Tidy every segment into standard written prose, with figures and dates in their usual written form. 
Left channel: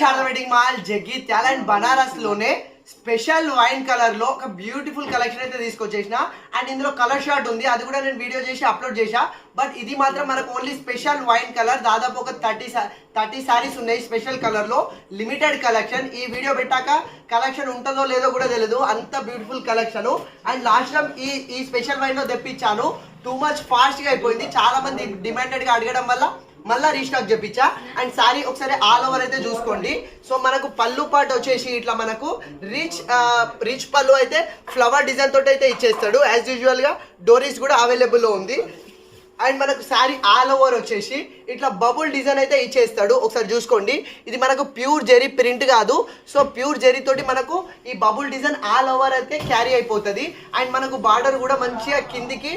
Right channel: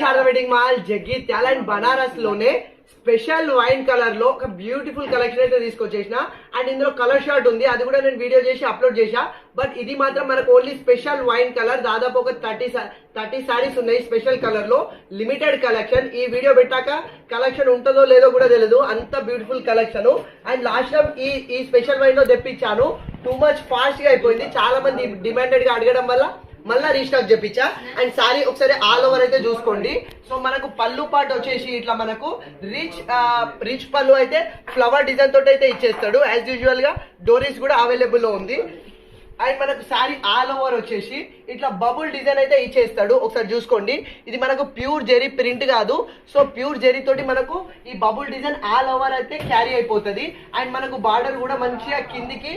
Sharada wedding mall Jagtial and Banaras లోనే special wine colour లో ఒక బ్యూటిఫుల్ కలెక్షన్ అయితే తీసుకొచ్చేసిన. అండ్ ఇందులో కలర్ షార్ట్ ఉంది, అది కూడా నేను వీడియో చేసి అప్లోడ్ చేసా. బట్ ఇది మాత్రం మనకు ఓన్లీ స్పెషల్ వైన్ కలర్. దాదాపు ఒక 30 సారీస్ ఉన్నాయి స్పెషల్ కలర్ లో, లిమిటెడ్ కలెక్షన్. ఈ వీడియో పెట్టాక కలెక్షన్ ఉంటుందో లేదో కూడా తెలియదు, అంత beautiful collection. And last time ఈ స్పెషల్ వైన్ లో తెప్పించాను, టూ మచ్ ఫాస్ట్ గా అయిపోయింది. చాలా మంది డిమాండెడ్ గా అడగడం వల్ల మళ్ళీ రీస్టాక్ చెప్పించా. అండ్ సారీ ఒకసారి ఆల్ ఓవర్ అయితే చూసుకోండి. సో మనకు పళ్ళు పాటు వచ్చేసి ఇట్లా మనకు రిచ్ పళ్ళు అయితే ఫ్లవర్ డిజైన్ తోటి అయితే ఇచ్చేస్తాడు. యాజ్ యూజువల్ గా డోరీస్ కూడా అవైలబుల్ లో ఉంది. అండ్ మనకు సారీ ఆల్ ఓవర్ వచ్చేసి ఇట్లా బబుల్ డిజైన్ అయితే ఇచ్చేస్తాడు. ఒకసారి చూసుకోండి, ఇది మనకు ప్యూర్ జెరీ ప్రింట్ కాదు. సో ప్యూర్ జెరీ తోటి మనకు ఈ బబుల్ డిజైన్ ఆల్ ఓవర్ అయితే క్యారీ అయిపోతుంది. అండ్ మనకు బార్డర్ కూడా మంచిగా కిందికి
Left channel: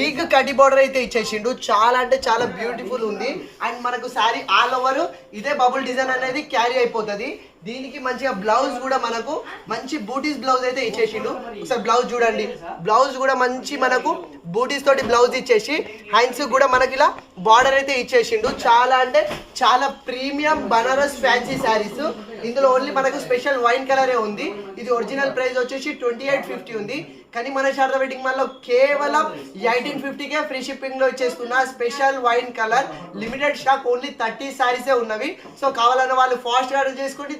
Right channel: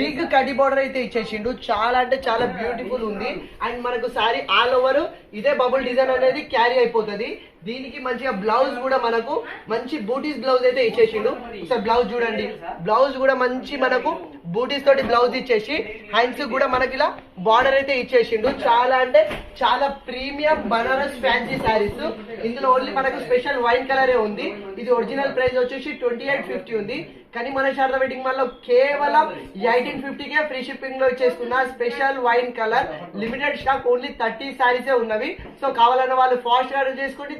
బిగ్ కటి బార్డర్ అయితే ఇచ్చేసిండు. చాలా అంటే చాలా బ్యూటిఫుల్ ఉంది. అండ్ మనకు సారీ ఆల్ ఓవర్ ఇదే బబుల్ డిజైన్ అనేది క్యారీ అయిపోతుంది. దీనికి మంచిగా బ్లౌజ్ కూడా మనకు మంచి బూటీస్ బ్లౌజ్ అయితే ఇచ్చేసిండు. ఒకసారి బ్లౌజ్ చూడండి, బ్లౌజ్ కూడా మంచి మనకు బూటీస్ తోటి బ్లౌజ్ ఇచ్చేసి హ్యాండ్స్ కూడా మనకి ఇలా బార్డర్ అయితే ఇచ్చేసిండు. చాలా అంటే చాలా ప్రీమియం బనారస్ ఫ్యాన్సీ శారీస్. ఇందులో ఓన్లీ మనకు స్పెషల్ వైన్ కలరే ఉంది. ఇది ఒరిజినల్ ప్రైస్ వచ్చేసి 2850 ఉంది. కానీ మన శారదా వెడ్డింగ్ మాల్ లో కేవలం 1850కే ఫ్రీ షిప్పింగ్ లో ఇచ్చేస్తున్నా. Special wine colour limited stock, only 30 శారీసే ఉన్నవి. సో కావాలన్న వాళ్ళు ఫాస్ట్ గా ఆర్డర్ చేసుకోండి.